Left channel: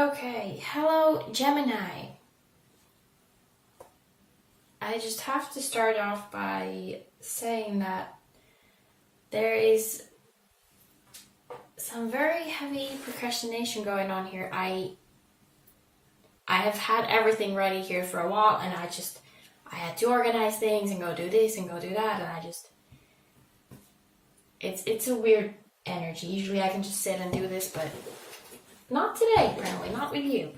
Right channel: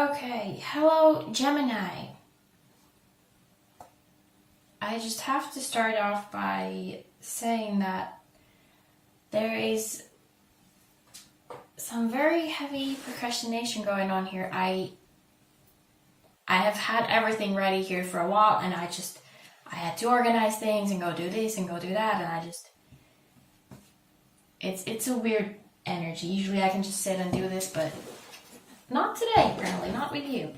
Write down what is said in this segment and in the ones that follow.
Okay, hello Gemini. I just have to start off by saying that there is some very heavy procrastination going on here. I have had everything ready here for a while, and I had to organize things and go do this and go do that, and it's a weird energy. Usually I can just sit and do this, but not today, apparently, not with you.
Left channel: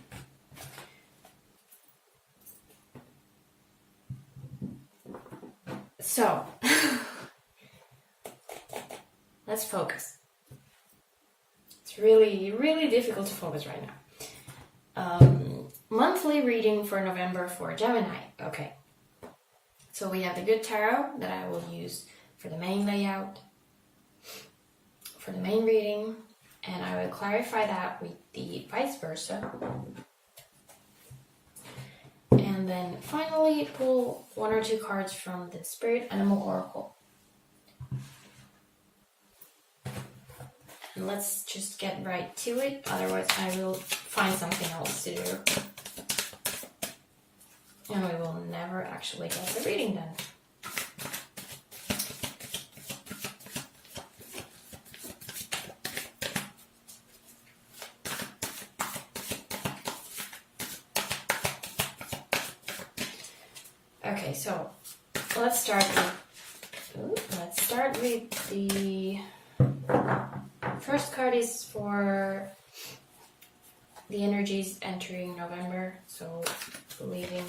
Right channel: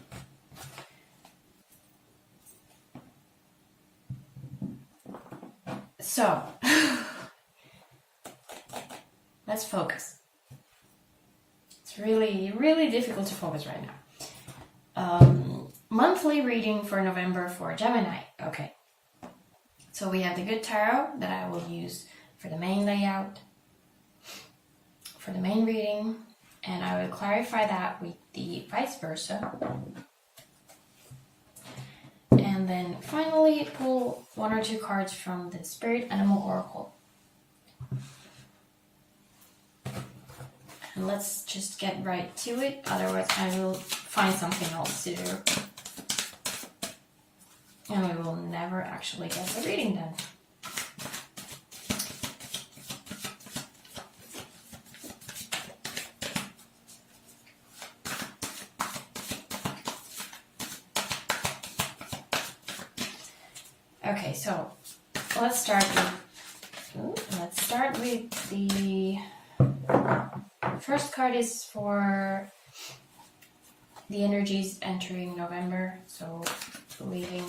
So, let's focus. It's really, really difficult to focus right now. Monthly reading for November for Gemini. Okay. So we have the good tarot that I will use for the main layout, for the main reading, and I will clarify that with the Viceversa. And then finally pull one or two cards from the Spirit Animal Oracle. And let's just get right to it, otherwise I will find something else to do. And we will never actually get the reading done. Okay, so let's start with the first card is for the energies entering November, so leaving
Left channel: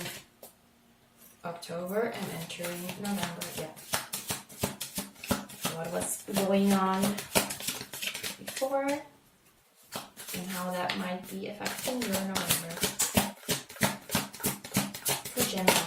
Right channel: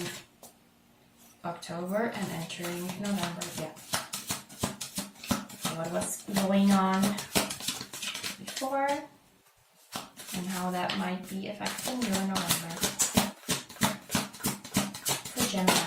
October and entering November. Yeah. So what was going on before and how that might be affecting your November for Gemini.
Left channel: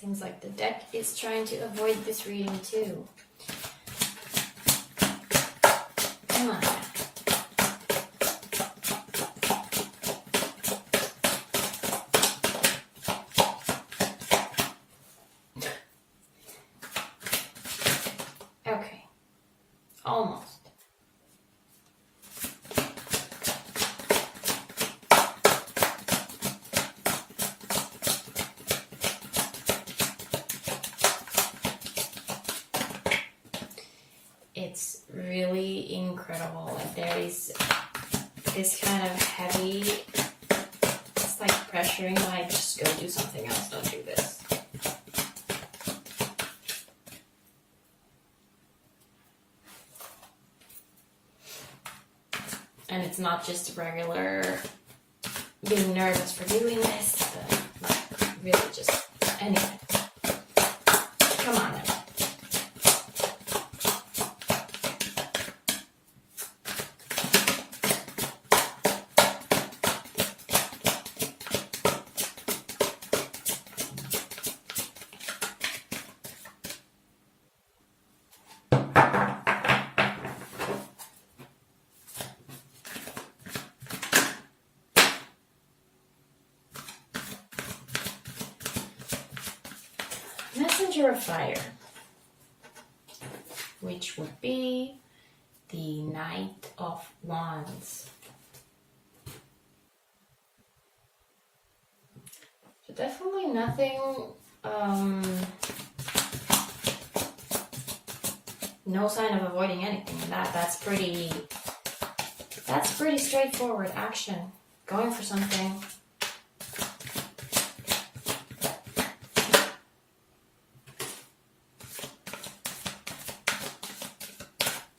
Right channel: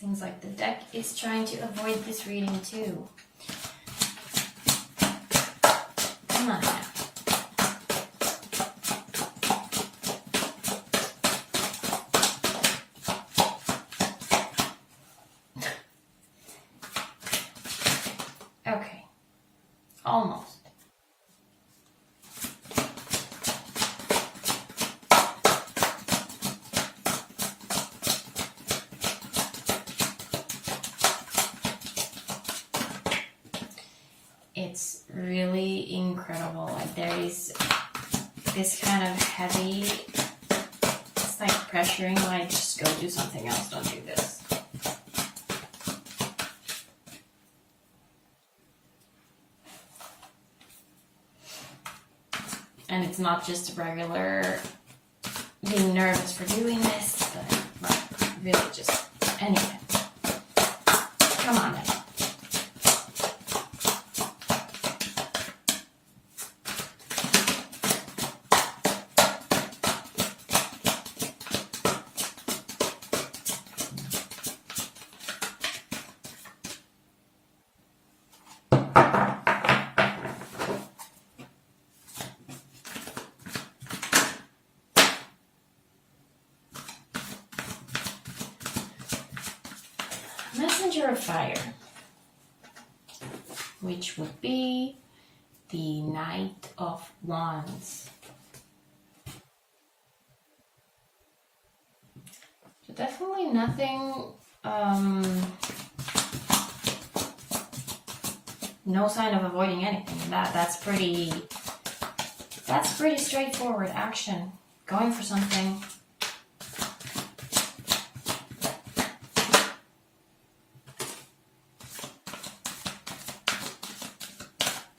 Seems like the deck is trying to avoid this reading too. Come on now. Okay. Almost. It's really incredible. Like there is this kind of heavy, it's like pressuring, like just go do something else, don't do this. And it's not just regular being nervous for doing this, but like really just, anyway. Come on now. Messenger of Fire, which would be the Knight of Wands. So definitely nothing, no sign of avoiding anything. That's pretty straightforward action, going for something.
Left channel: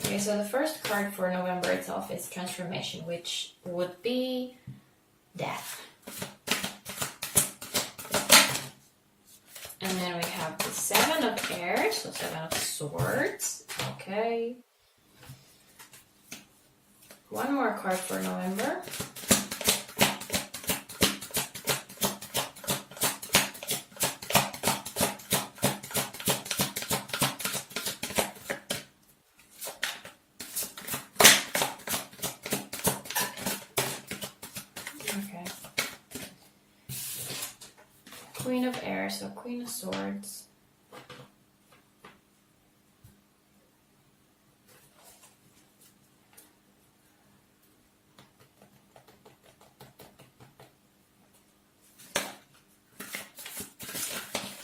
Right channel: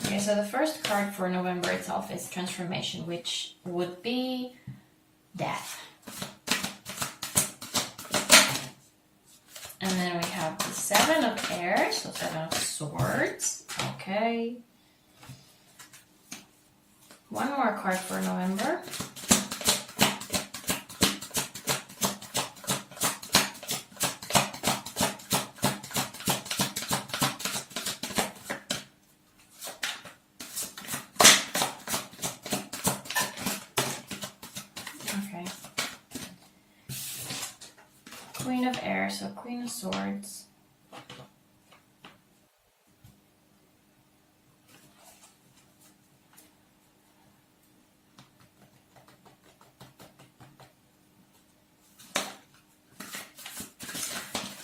Okay, so the first card for November itself is Transformation, which would be Death. And then we have the Seven Seven of Air, so Seven of Swords. Okay. One more card for November. Okay. Queen of Air, so Queen of Swords.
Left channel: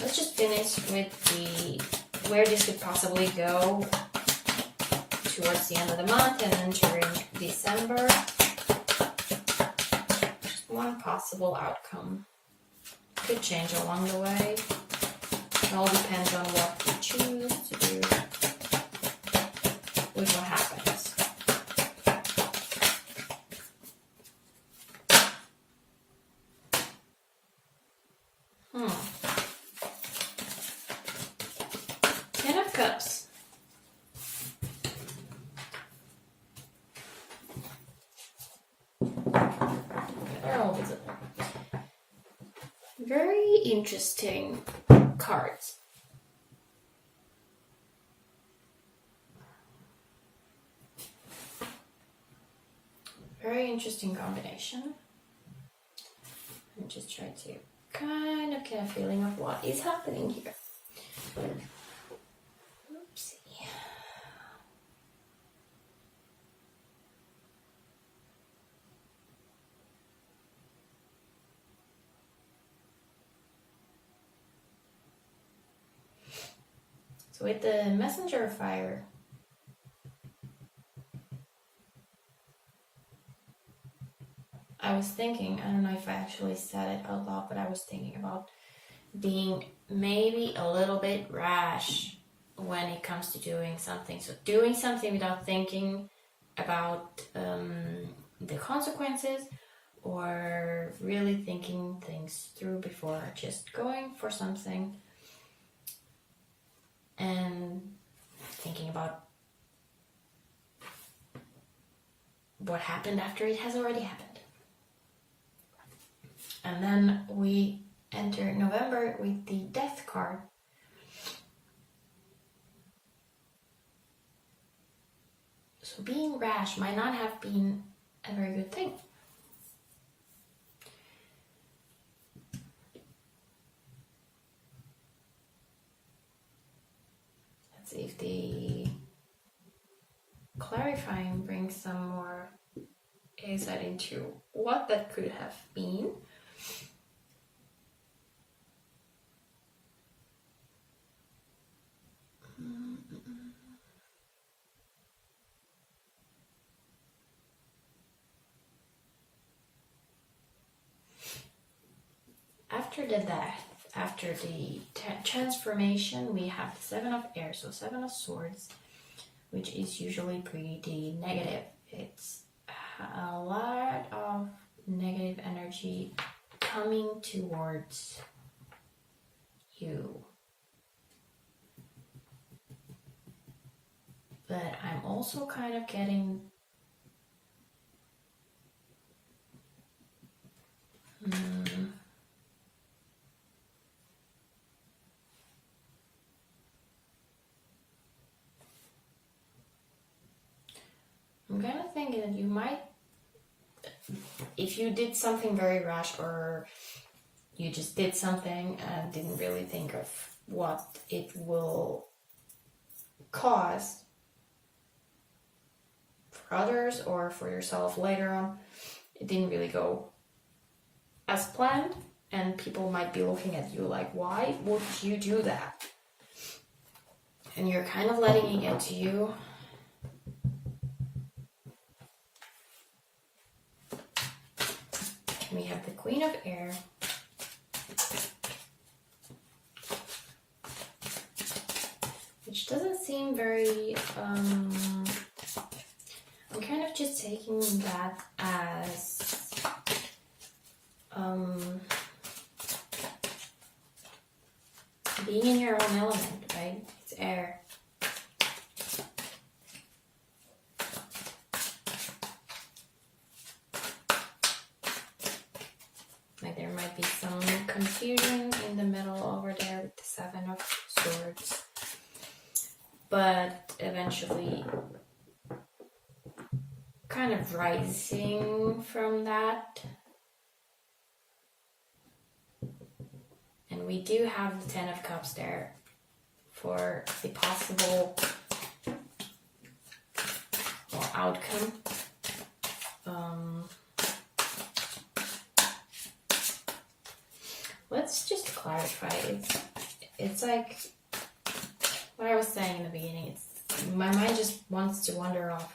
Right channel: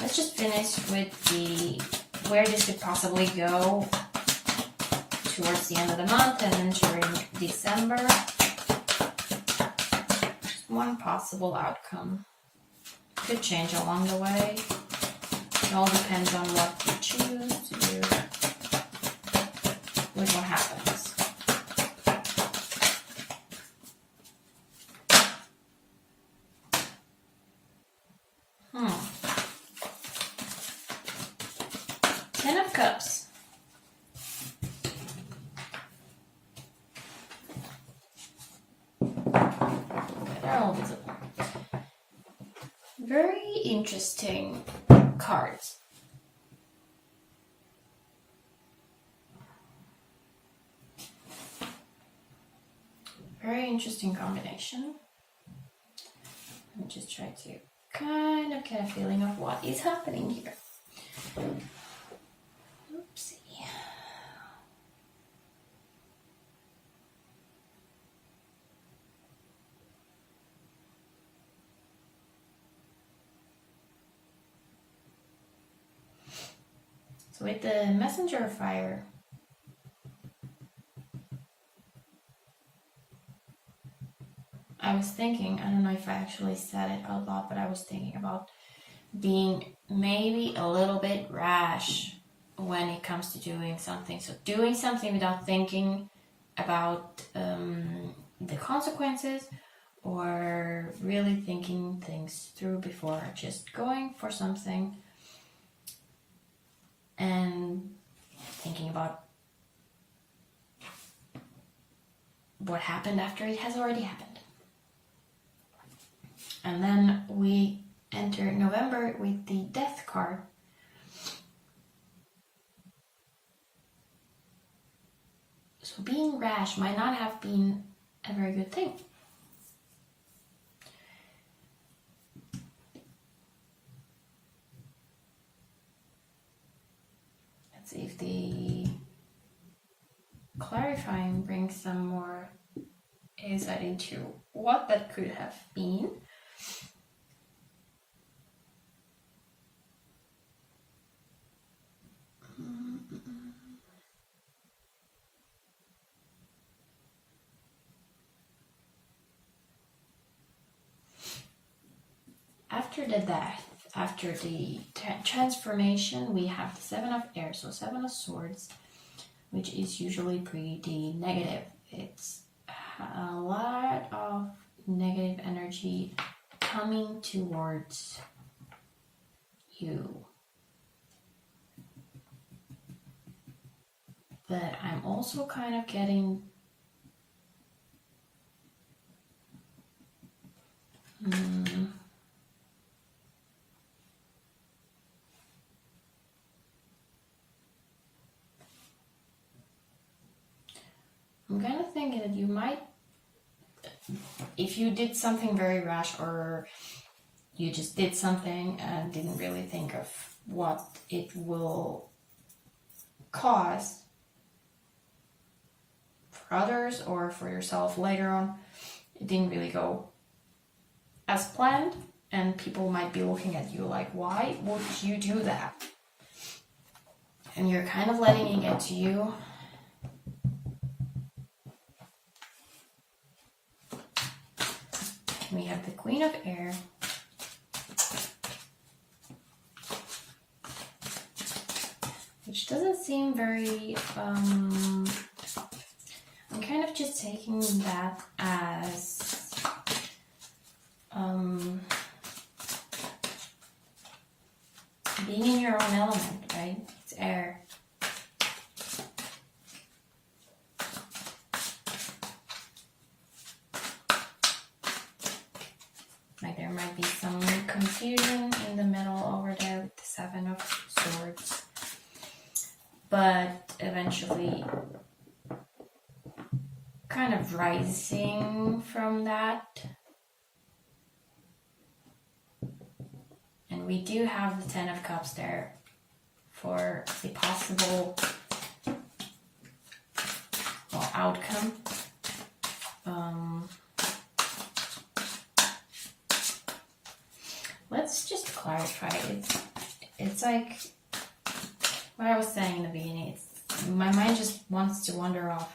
Let's just finish with the where this could possibly go towards the end of the month and entering December. Just one possible outcome. Could change along the way. It all depends on what you choose to do with what happens. Ten of Cups. Very interesting cards. Very interesting combination. Let me just try to kind of get a feeling of what is happening here. Oopsie. So with the Messenger of Fire, I was thinking, I don't know if I actually said it out loud, but I was thinking about being maybe a little bit rash when it comes to doing something. So doing something without thinking about the consequences, or really thinking things through before just going for something and thinking about what happened after it has already happened. And then we enter November with the Death card. So being rash might not have been a very good thing. Let's see if the clarifying brings some more insight into what that could have been. After the death, after the transformation, we have the Seven of Air, so Seven of Swords, which is usually pretty negative. It's a lot of negative energy coming towards you. But I'm also kind of getting I'm kind of thinking that you might, if you did something very rash, or you just did something and didn't really think of what it will cause for others or for yourself later on, it didn't really go as planned, and people might be looking at you like, why would you do that? And you're kind of letting it get to you. We have the Queen of Air. Which doesn't seem very, I'm kind of just taking that as, being in your own element. but eventually kind of rising from that. And we do have the Ten of Cups there for a possible outcome. Let's just clarify. It's like what I was saying in the beginning. My mind just wants to wander off.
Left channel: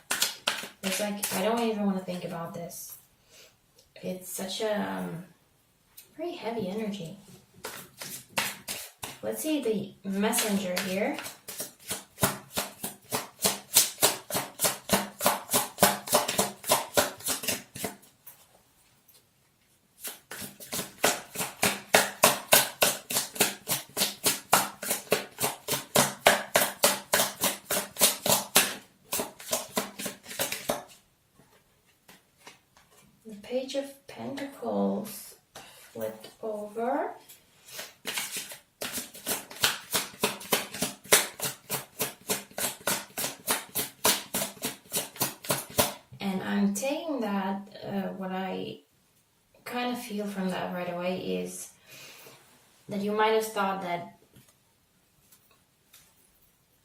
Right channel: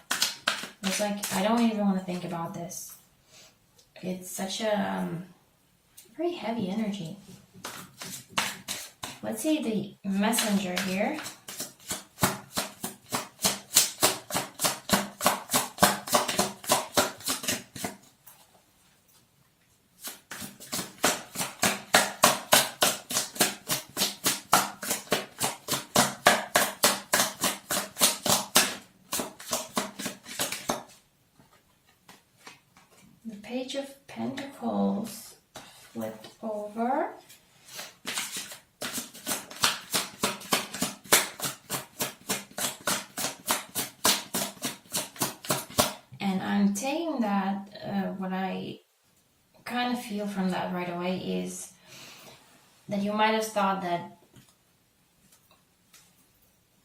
It's like I don't even want to think about this. It's such a very heavy energy. Let's see the messenger here. The Page of Pentacles flipped over. And I'm taking that, what I kind of feel from that right away is that you might have thought that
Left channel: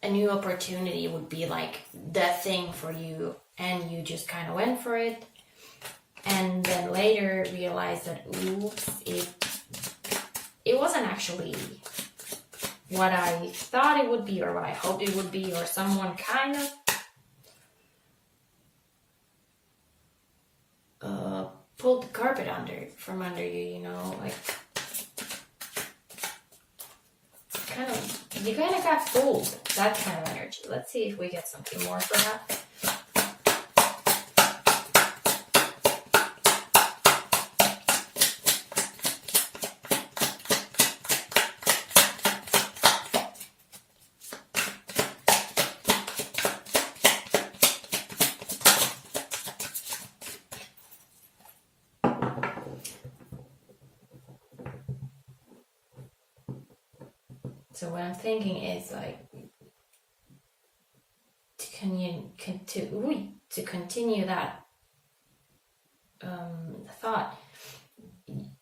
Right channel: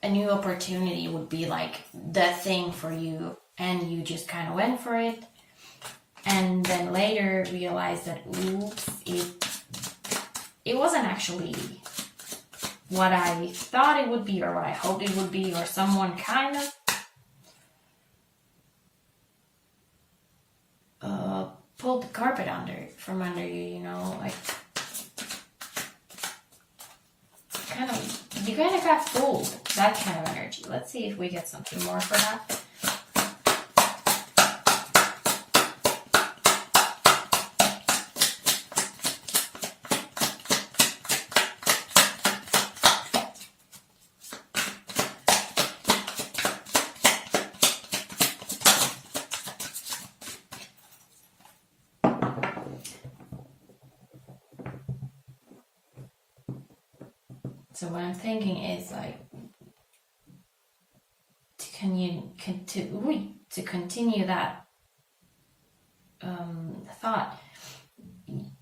a new opportunity would be like the thing for you, and you just kind of went for it. And then later realized that, oops, it wasn't actually what I thought it would be or what I hoped it would be, or someone kind of pulled the carpet from under you, you know, like you kind of got fooled, that kind of energy. Let's see if we get something more for that. So what I'm thinking is like to continue that thought.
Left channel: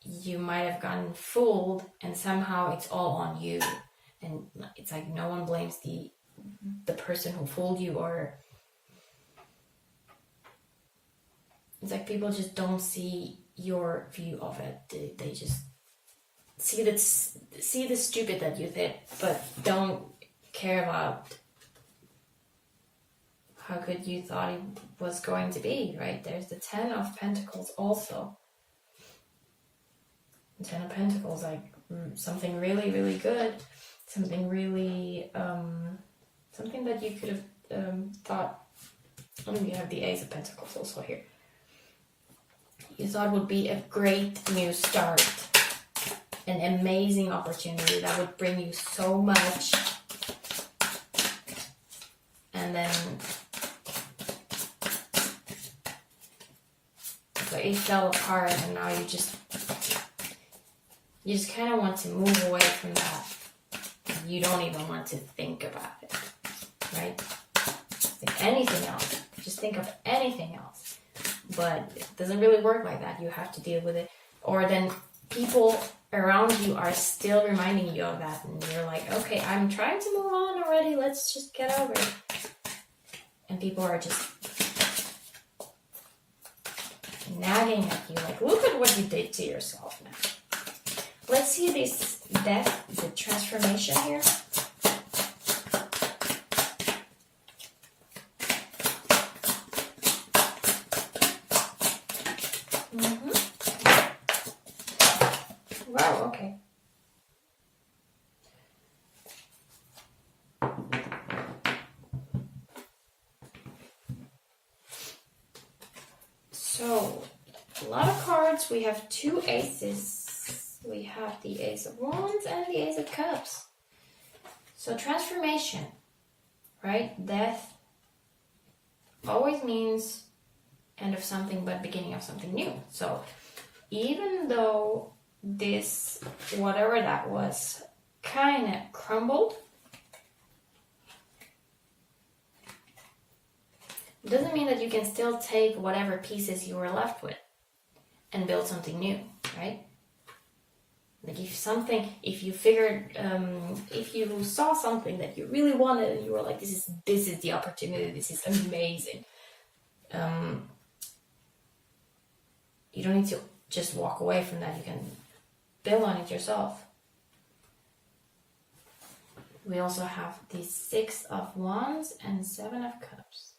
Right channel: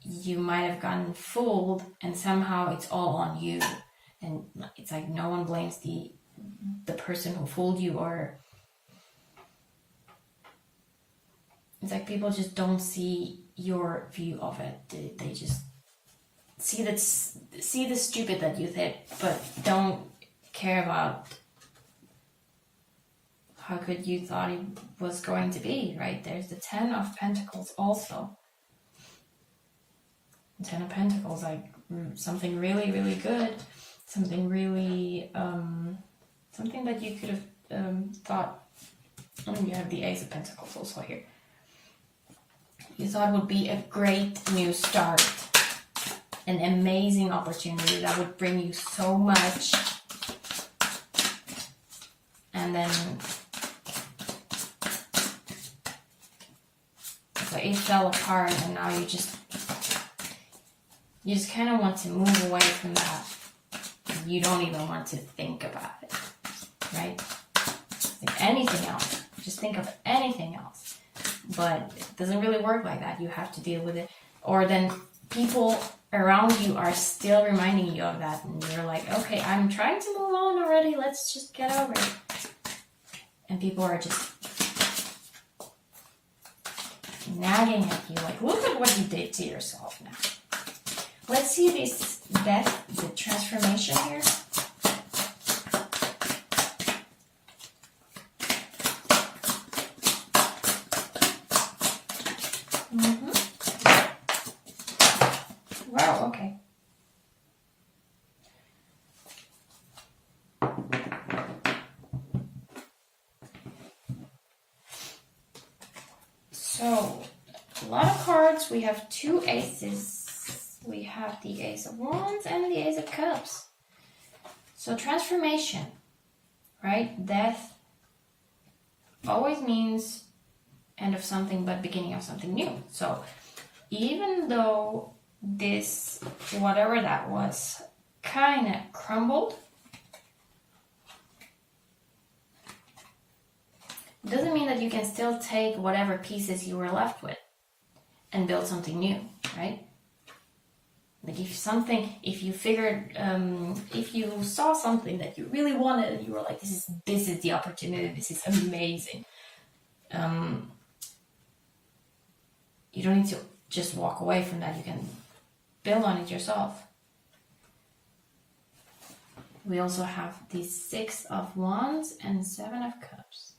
You might have gotten fooled, and somehow it's all on you, and it's like no one blames the person who fooled you, or it's like people just don't see your view of it. They just see the stupid that you did, but don't care about how good you thought it was going to be, right? There's the Ten of Pentacles also. The Ten of Pentacles, like something really, really good, something really, something that you could have thought. Oh, you have the Ace of Pentacles also here. You thought would be a great new start. An amazing opportunity that would bring you so much, and then so it fell apart, and now you just kind of want to move away from that. You don't even want to think about it, right? Think anything else. Just think of anything else, but it doesn't really work like that. You have to deal with it, or then people around you are still reminding you of that, and you're like, okay, I'm trying to move on already, let's just get over it. And people are just nagging at you, like, look at what you did to yourself now. Let's see this death, the transformation here. Wow, okay. So, a lot of cards. We have two aces. We have the Ace of Wands and the Ace of Cups. So, transformation, right? Death always means end of something, but beginning of something new. So, even though this, whatever that was, kind of crumbled, It doesn't mean that you can still take whatever pieces you were left with and build something new, right? Like if you saw something that you really wanted and you were like, this is the opportunity, this is amazing. You don't need to just walk away from that. You can build on it yourself. We also have the 6 of Wands and 7 of Cups.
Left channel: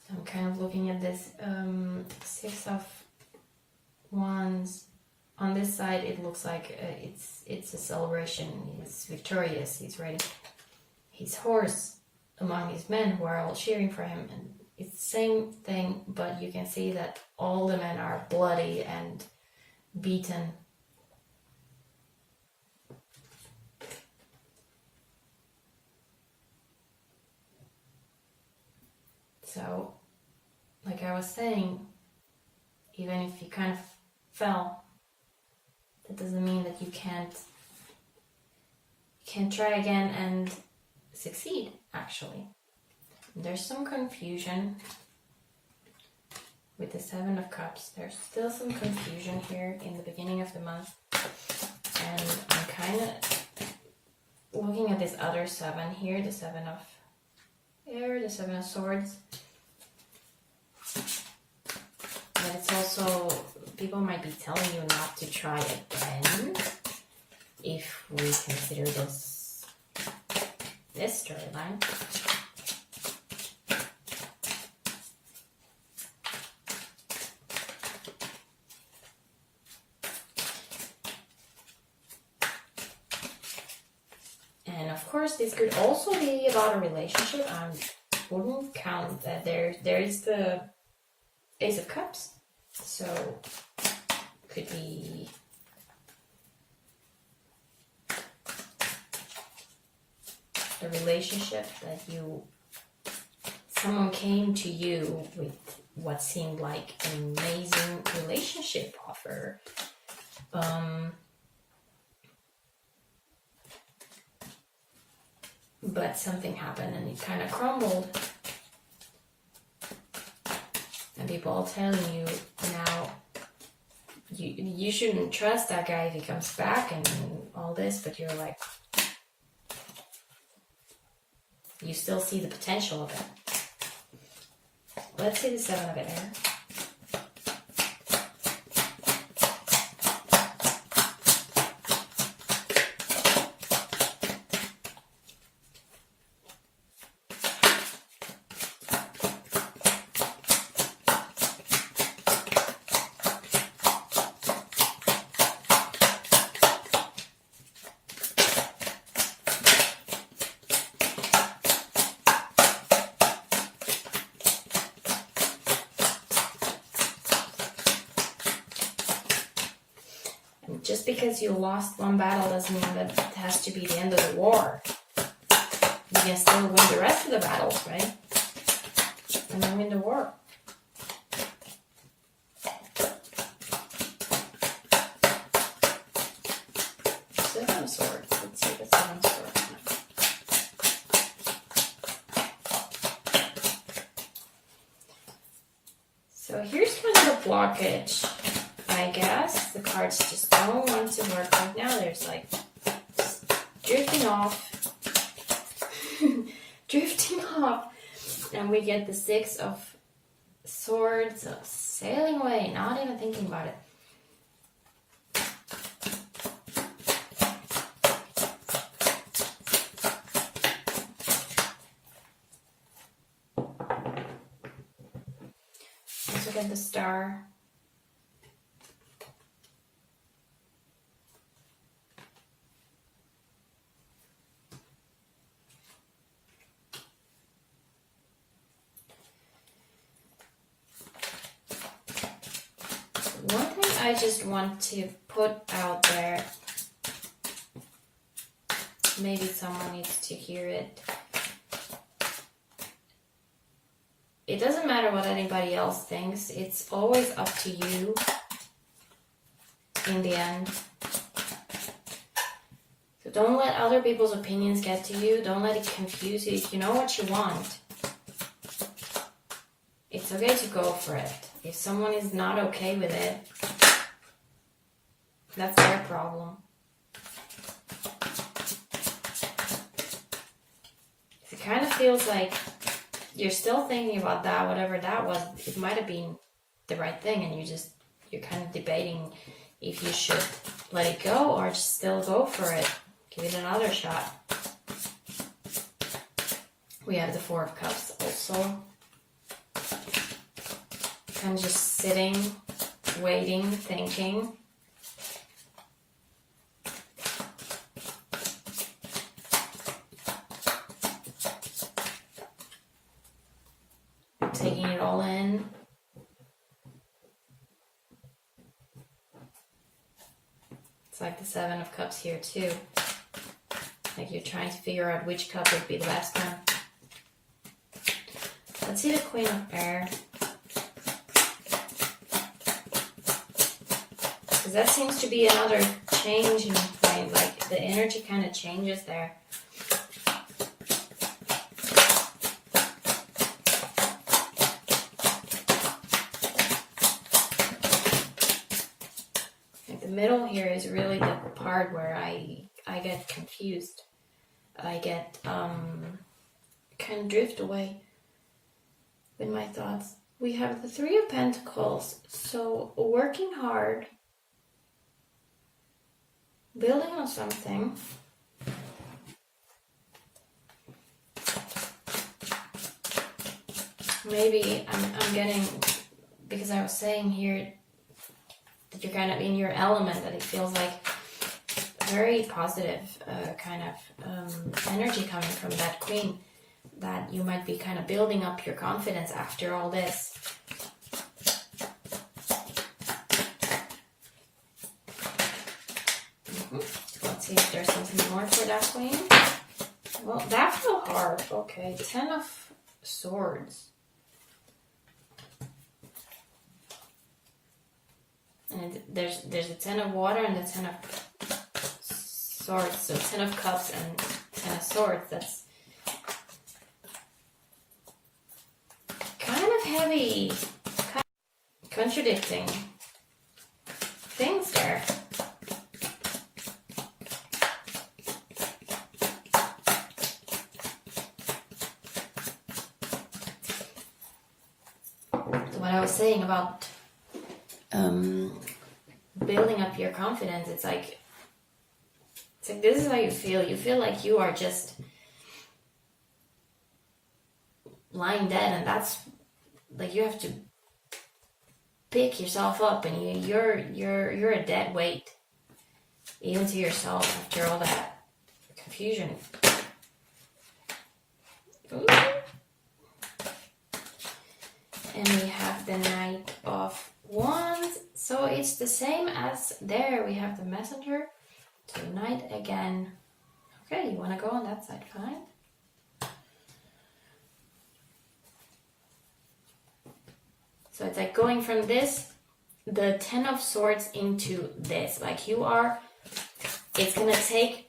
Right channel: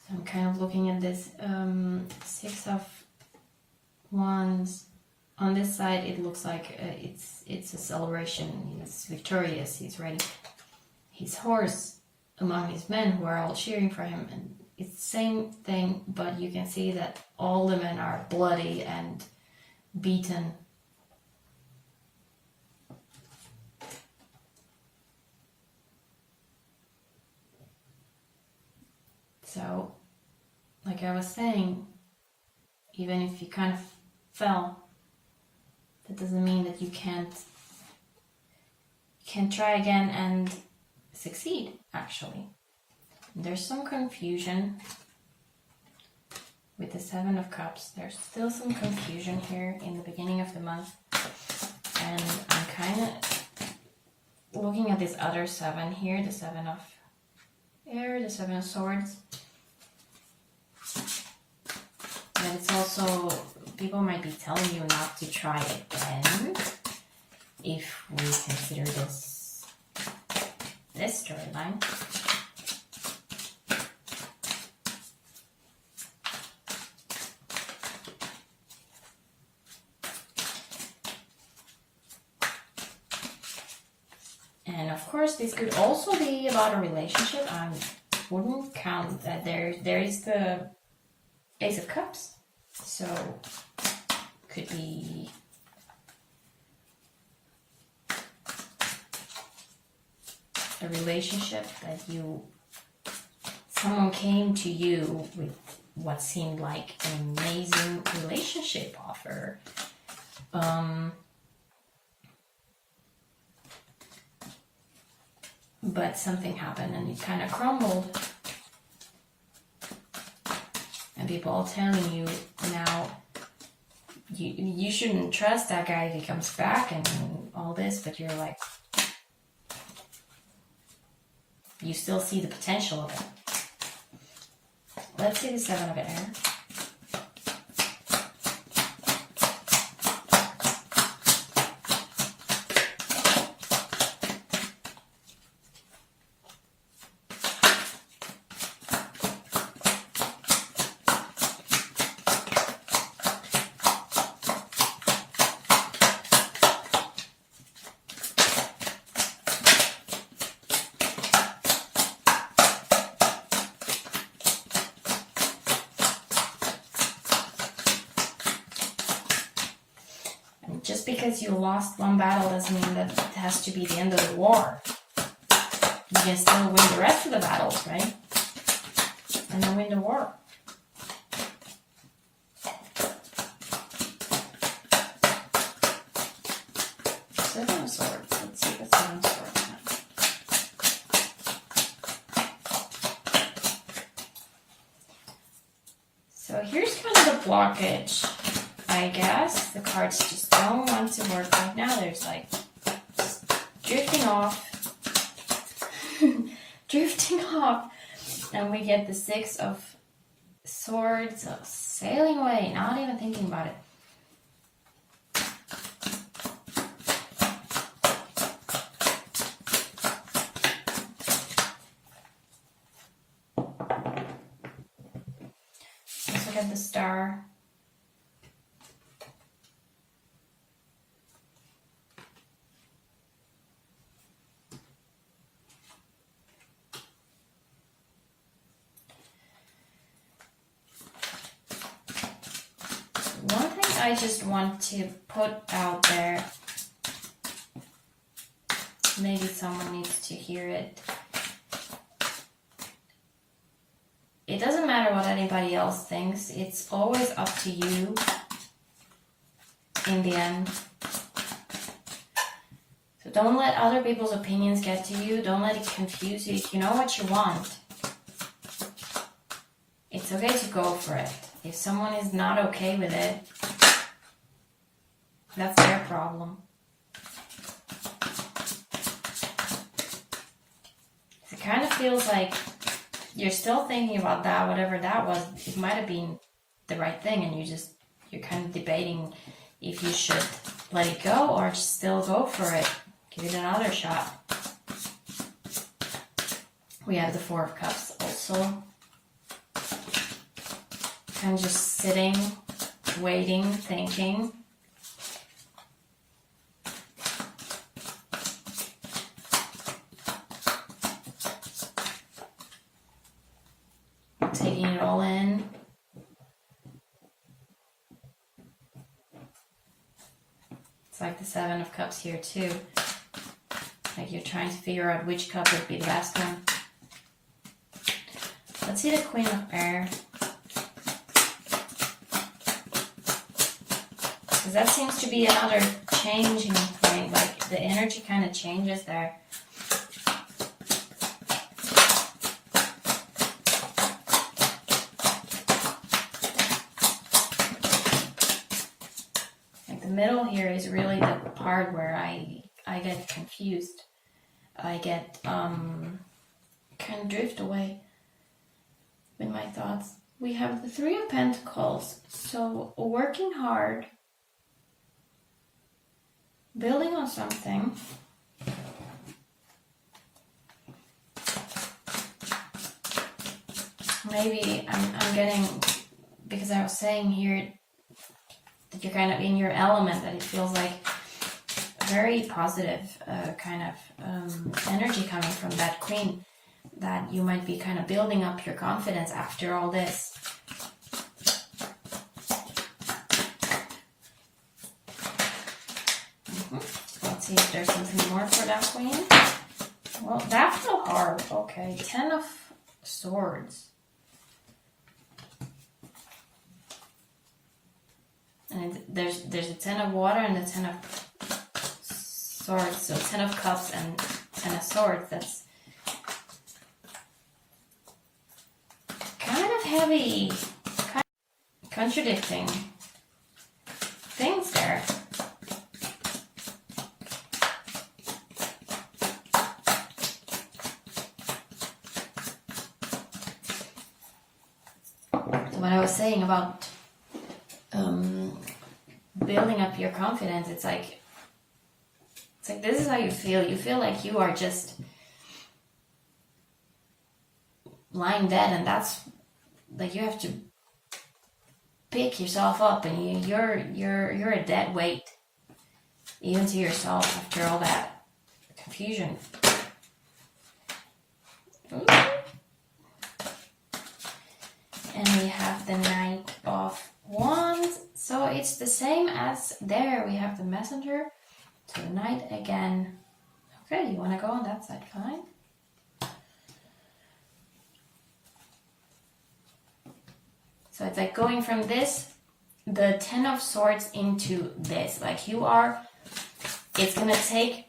So I'm kind of looking at this 6 of Wands. On this side, it looks like it's a celebration. He's victorious. He's riding his horse among his men who are all cheering for him. And it's the same thing, but you can see that all the men are bloody and beaten. So, like I was saying, even if you kind of fell, that doesn't mean that you can't try again and succeed, actually. There's some confusion with the 7 of Cups. There's still some confusion here in the beginning of the month. And I'm kind of looking at this other 7 here, the 7 of Air, the 7 of Swords. But it's also, people might be telling you not to try again if we consider this storyline. And of course, this could also be about a relationship. I wouldn't count that. There is the Ace of Cups. So, could be a relationship that someone came to you with what seemed like an amazing relationship offer. But something happened and it kind of crumbled. And people are telling you now, you shouldn't trust that guy if he comes back and all this, but you're like, you still see the potential of it. Let's see the 7 of Air. Just because you lost one battle doesn't mean that it has to be the end of the war. You can still win the rest of the battles, right? And then win the war. Seven of Swords. Let's see the 7 of Swords now. So here's kind of a blockage. I guess the cards just don't want to work right now. There's like drifting off, and we get the 6 of Swords, sailing away, not even thinking about it. Let's look at the Star. I just want to put out there Maybe someone needs to hear it. It doesn't matter what anybody else thinks. It's always up to you in the end. So don't let other people's opinions get to you. Don't let it confuse you. If you know what you want, it's okay to go for it. If someone is not okay with it, that's their problem. It kind of feels like you're still thinking about that, whatever that was. It might have been the right thing, and you're kind of debating if you should let it go or just still go for it. Give it another shot. We have the Four of Cups also. Kind of just sitting, waiting, thinking. Taking it all in. It's like the Seven of Cups here too. Like you're trying to figure out which cup would be the best one. Let's see the Queen of Air. Because that seems to be another changing point. Like the energy kind of changes there. Like the middle here is really the part where I get confused. I get kind of drift away with my thoughts. We have the Three of Pentacles. So working hard, building on something. Maybe I'm getting, because I was saying here that you're kind of in your element, that it feels like very positive kind of energy coming from that Queen, that you might be kind of building up your confidence after all this. Let's see if there's something more for that Queen. Well, that felt hard. Okay, 10 of Swords. And there's a 10 of Water and a 10 of Swords. So 10 of Cups and 10 of Swords. That's kind of heavy, kind of contradicting things there. So what I was saying about building up your confidence, it's like this is how you feel. You feel like you are just lying dead, and that's like you have to pick yourself up, and you're a dead weight, even to yourself after all that confusion. Ooh. And we have the Knight of Wands. So it's the same as there. We have the Messenger to the Knight again. Okay, you want to go on that side? Fine. So it's like going from this, the 10 of Swords, into this. Like you are, it's going to take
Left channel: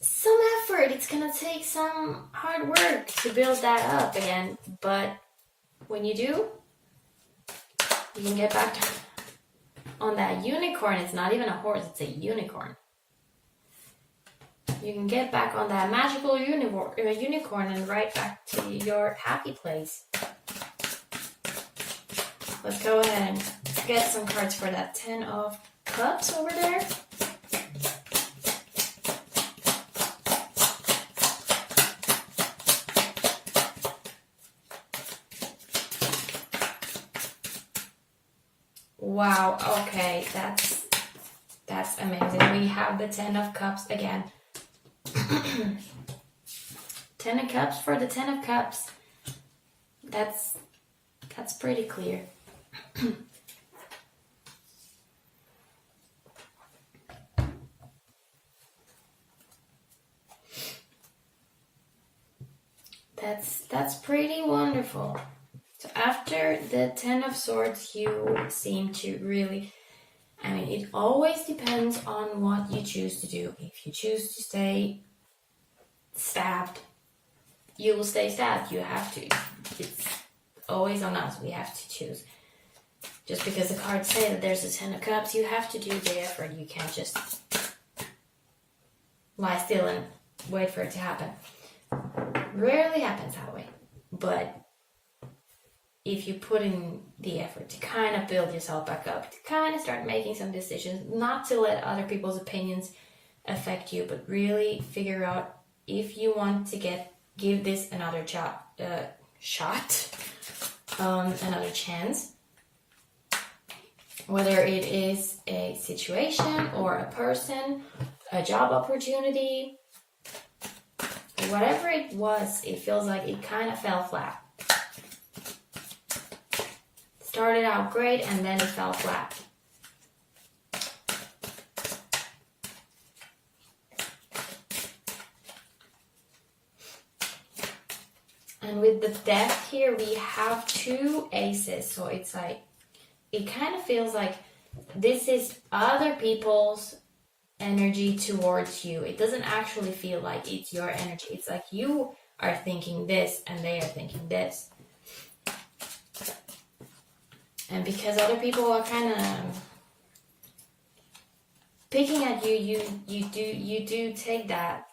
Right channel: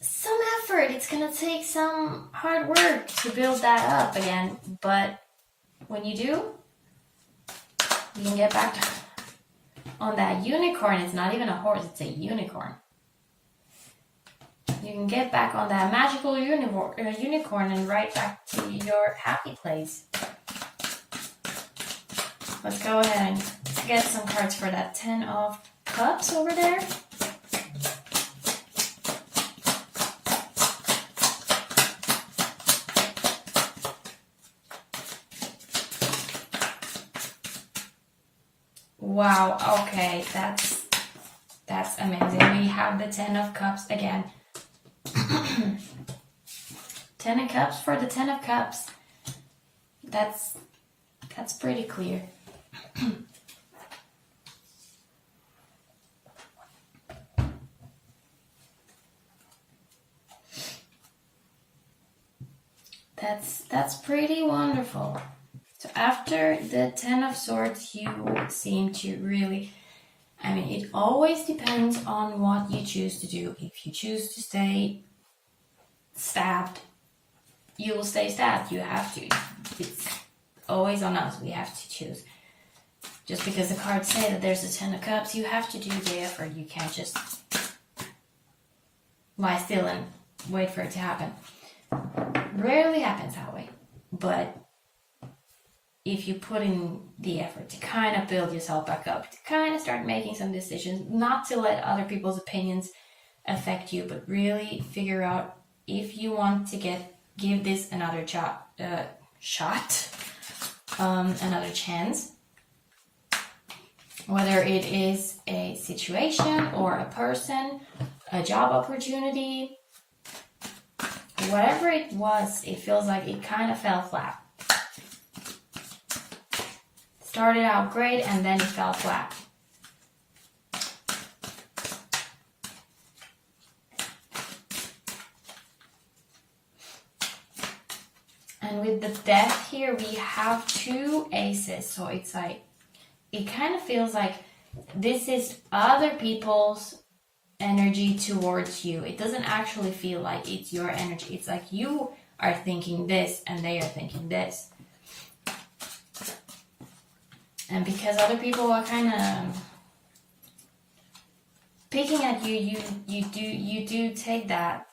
some effort. It's going to take some hard work to build that up again. But when you do, you can get back on that unicorn. It's not even a horse, it's a unicorn. You can get back on that magical unicorn and right back to your happy place. Let's go ahead and get some cards for that 10 of Cups over there. Wow, okay, that's amazing. We have the 10 of Cups again. 10 of Cups for the 10 of Cups. That's pretty clear. That's pretty wonderful. So after the Ten of Swords, you seem to really, I mean, it always depends on what you choose to do. If you choose to stay stabbed, you will stay stabbed. You have to. It's always on us. We have to choose. Just because the cards say that there's a Ten of Cups, you have to do the effort. You can't just lie still and wait for it to happen. Rarely happens that way. But if you put in the effort to kind of build yourself back up, to kind of start making some decisions, not to let other people's opinions affect you, but really figure out if you want to give this another another chance, whether it is a situation or a person, a job opportunity, whatever it was, it feels like it kind of fell flat. Started out great and then it fell flat. And with the Death here, we have 2 aces. So it's like, it kind of feels like this is other people's energy towards you. It doesn't actually feel like it's your energy. It's like you are thinking this and they are thinking this. And because other people are kind of picking at you, you do take that.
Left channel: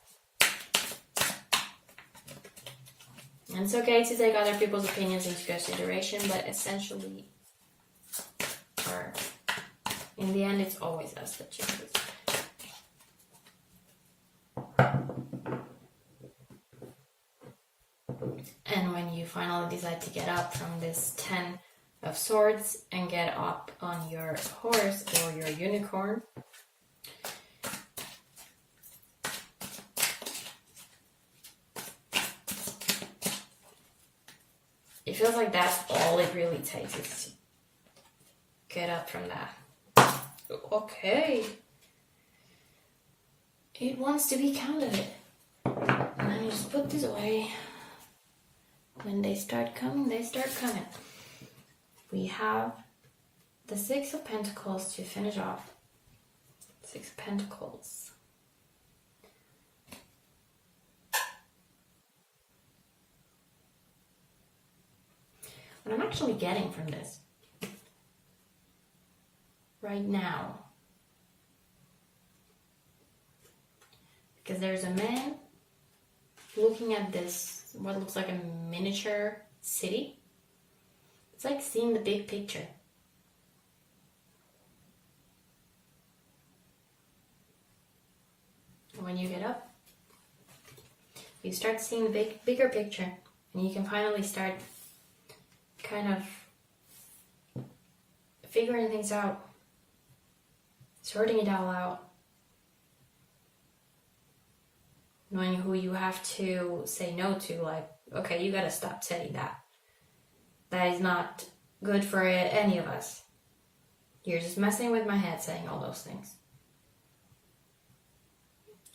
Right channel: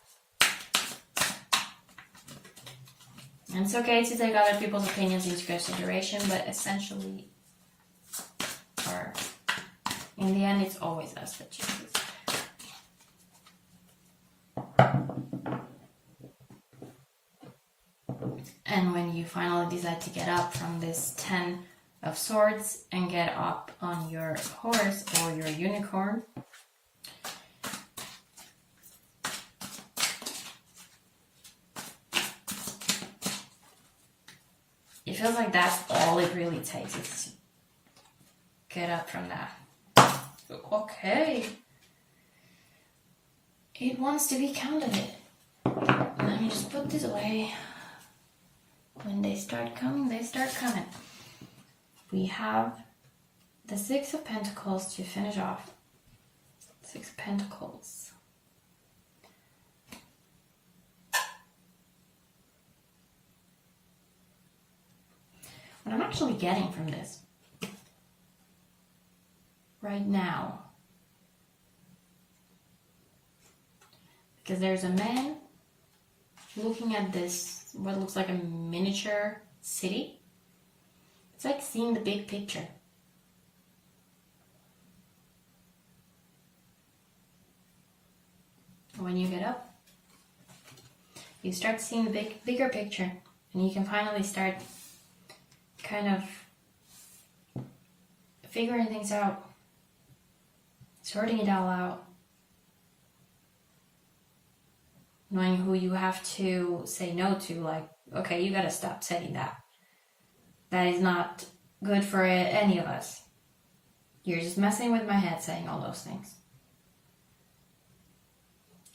And it's okay to take other people's opinions into consideration, but essentially, or in the end, it's always us that chooses. And when you finally decide to get up from this 10 of Swords and get up on your horse or your unicorn, it feels like that's all it really takes is to get up from that. Okay. It wants to be counted. Let me just put this away. When they start coming, they start coming. We have the 6 of Pentacles to finish off. 6 of Pentacles. What I'm actually getting from this right now, because there's a man looking at this, what looks like a miniature city. It's like seeing the big picture. When you get up, you start seeing the bigger picture, and you can finally start kind of figuring things out, sorting it all out, knowing who you have to say no to, like, okay, you gotta stop saying that. That is not good for any of us. You're just messing with my head saying all those things.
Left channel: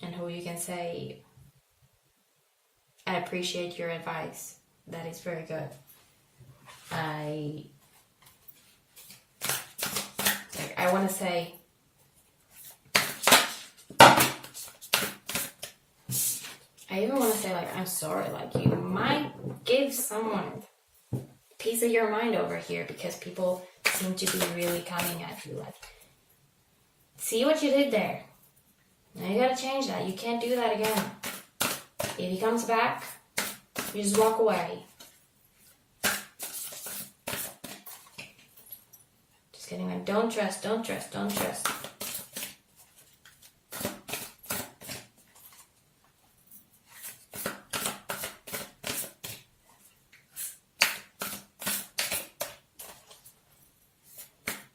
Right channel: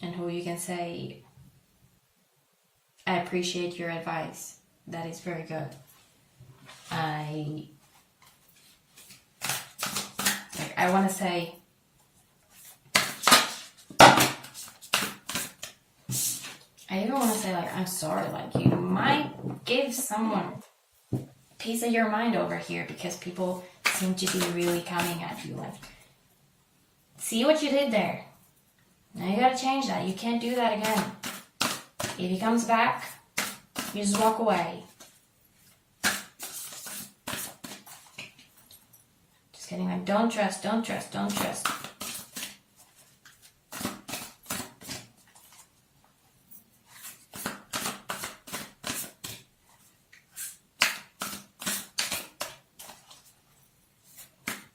And who you can say, I appreciate your advice. That is very good. I want to say, I even want to say, like, I'm sorry, like, you might give someone a piece of your mind over here because people seem to be really coming at you, like, see what you did there. Now you gotta change that. You can't do that again. If he comes back, you just walk away. Just getting like, don't trust, don't trust, don't trust.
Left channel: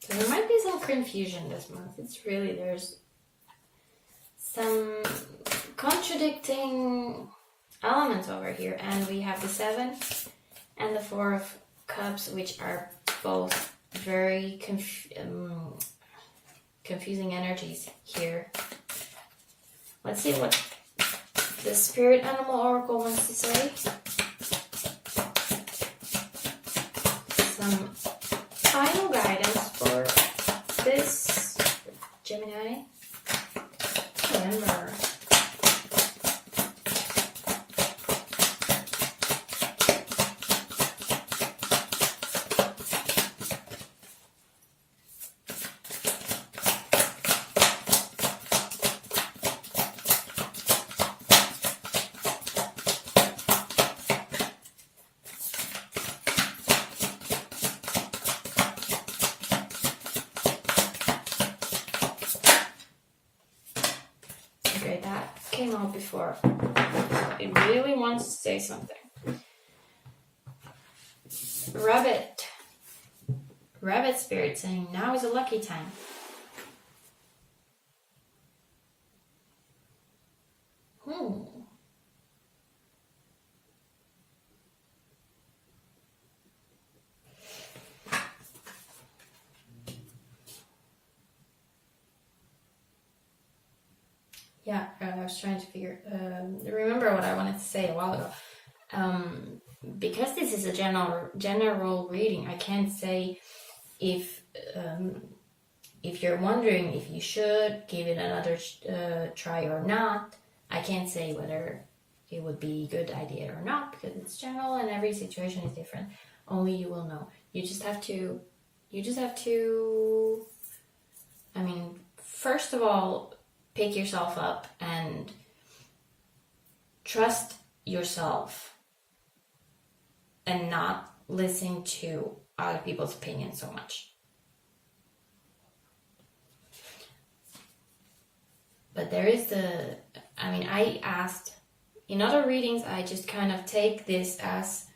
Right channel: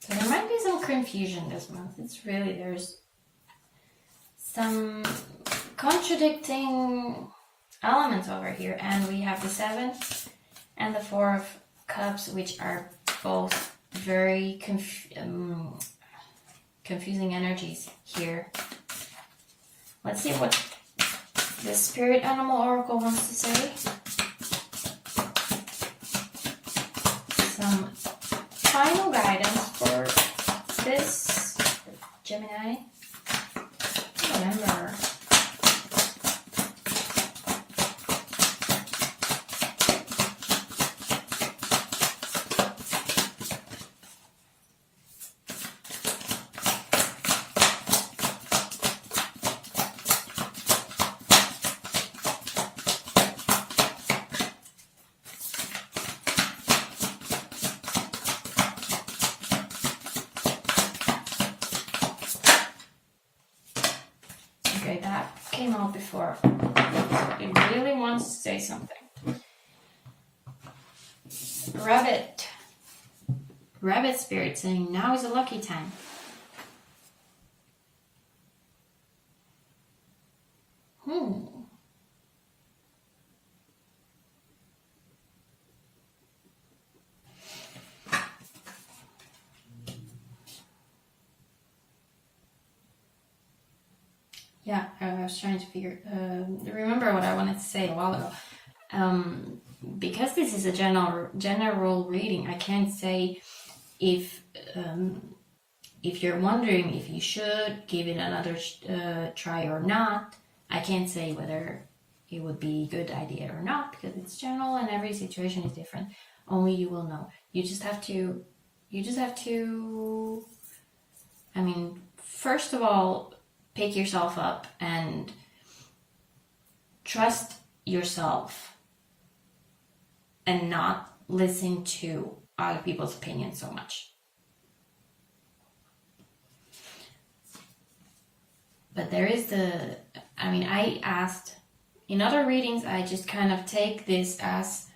So there might be some confusion this month. It's really, there's some contradicting elements over here, and we have the 7 and the 4 of Cups, which are both very confusing energies here. Let's see what the Spirit Animal Oracle wants to say. came out before. It really wants to say something. Rabbit. Rabbit spirit saying now is a lucky time. Yeah, I was trying to remember what I wanted to say a while ago. Because this is a general reading, I can't say if you're wondering if you should give it another try or not. I can't say whether it would be a good idea or not, because it's general and every situation is different. Only you will know. You just have to, I mean, first of all, pick yourself up and trust yourself and not listen to other people's opinions so much. But there is I asked, in other readings, I just kind of take this as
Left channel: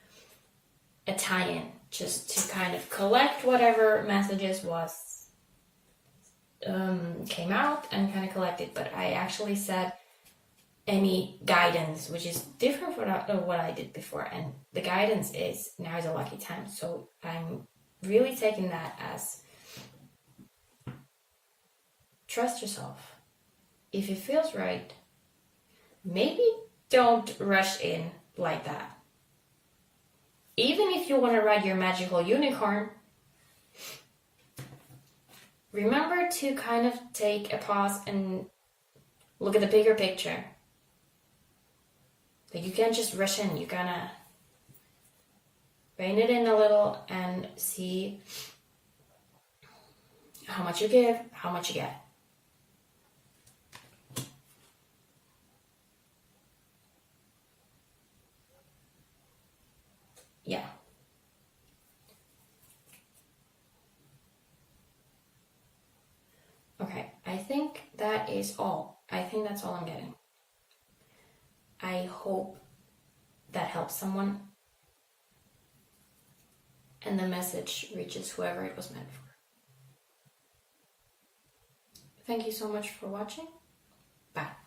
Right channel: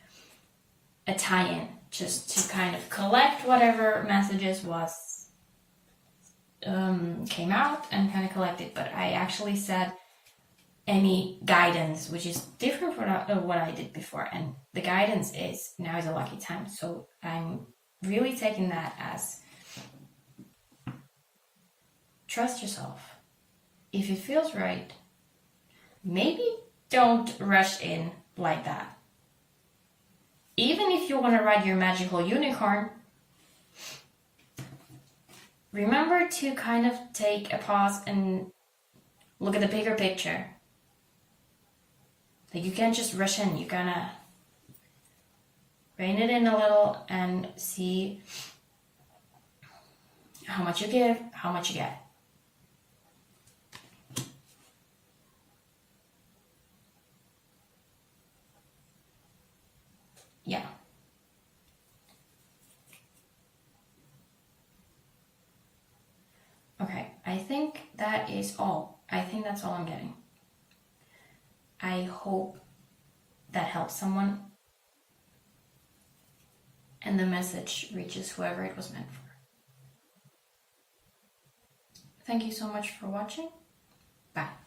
a tie-in, just to kind of collect whatever messages came out and kind of collect it. But I actually said any guidance, which is different from what I did before. And the guidance is now is a lucky time. So I'm really taking that as trust yourself. If it feels right, maybe don't rush in like that. Even if you want to ride your magical unicorn, remember to kind of take a pause and look at the bigger picture. Like, you can't just rush in. You gotta rein it in a little and see how much you give, how much you get. Yeah. Okay, I think that is all. I think that's all I'm getting. I hope that helps someone and the message reaches whoever it was meant for. Thank you so much for watching. Bye.